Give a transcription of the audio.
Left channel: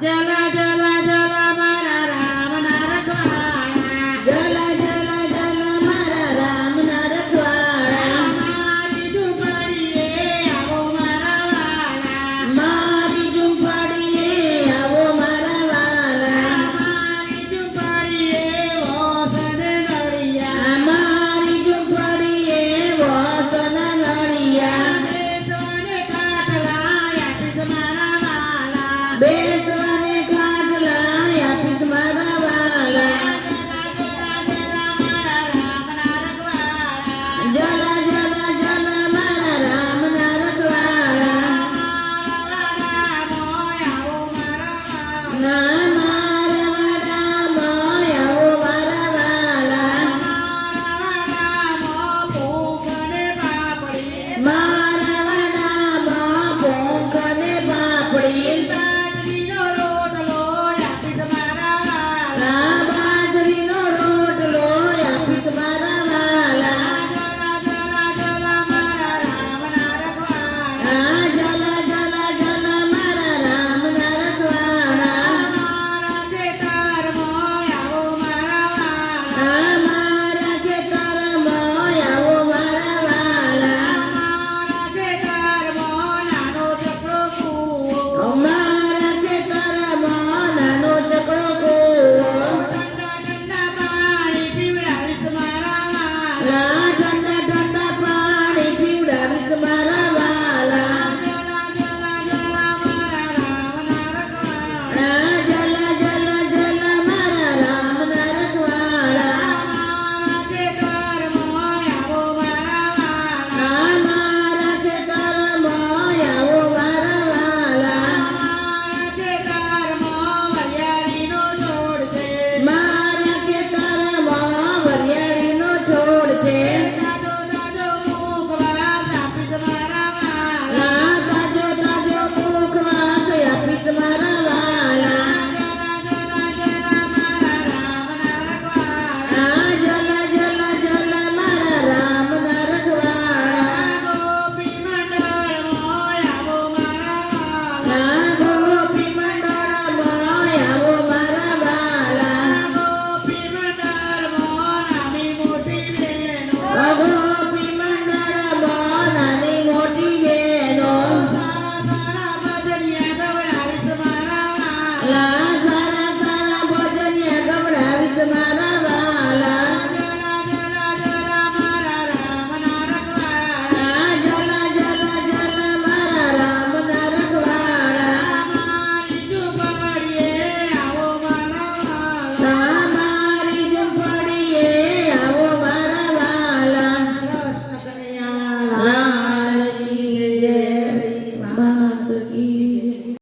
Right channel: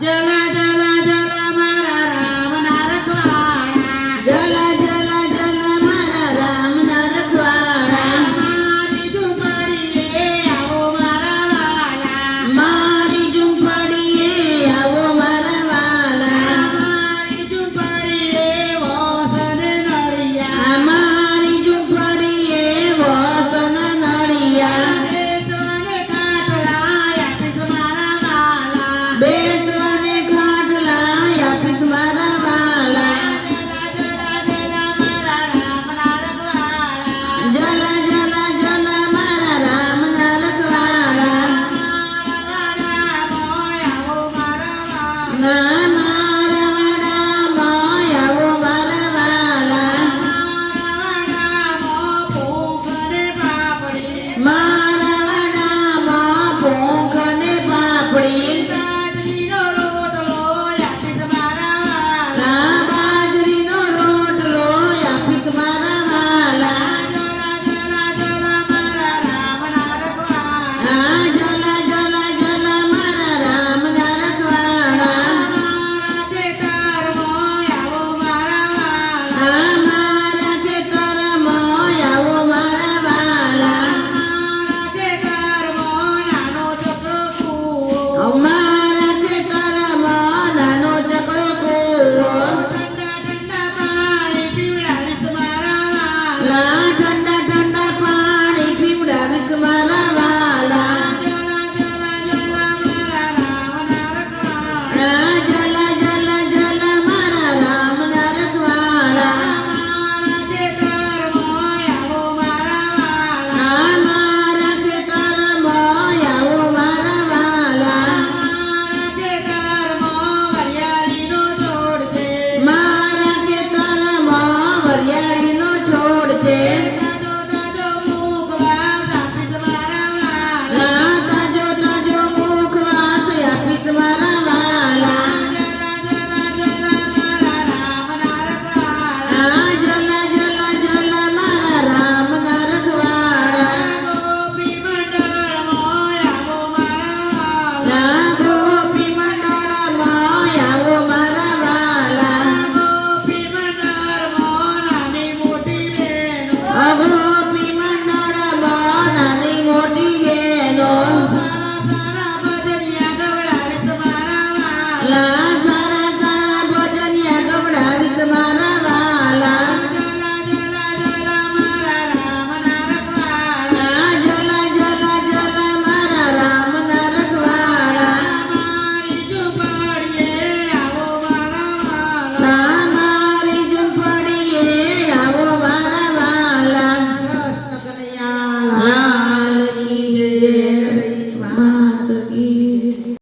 Yeah. Since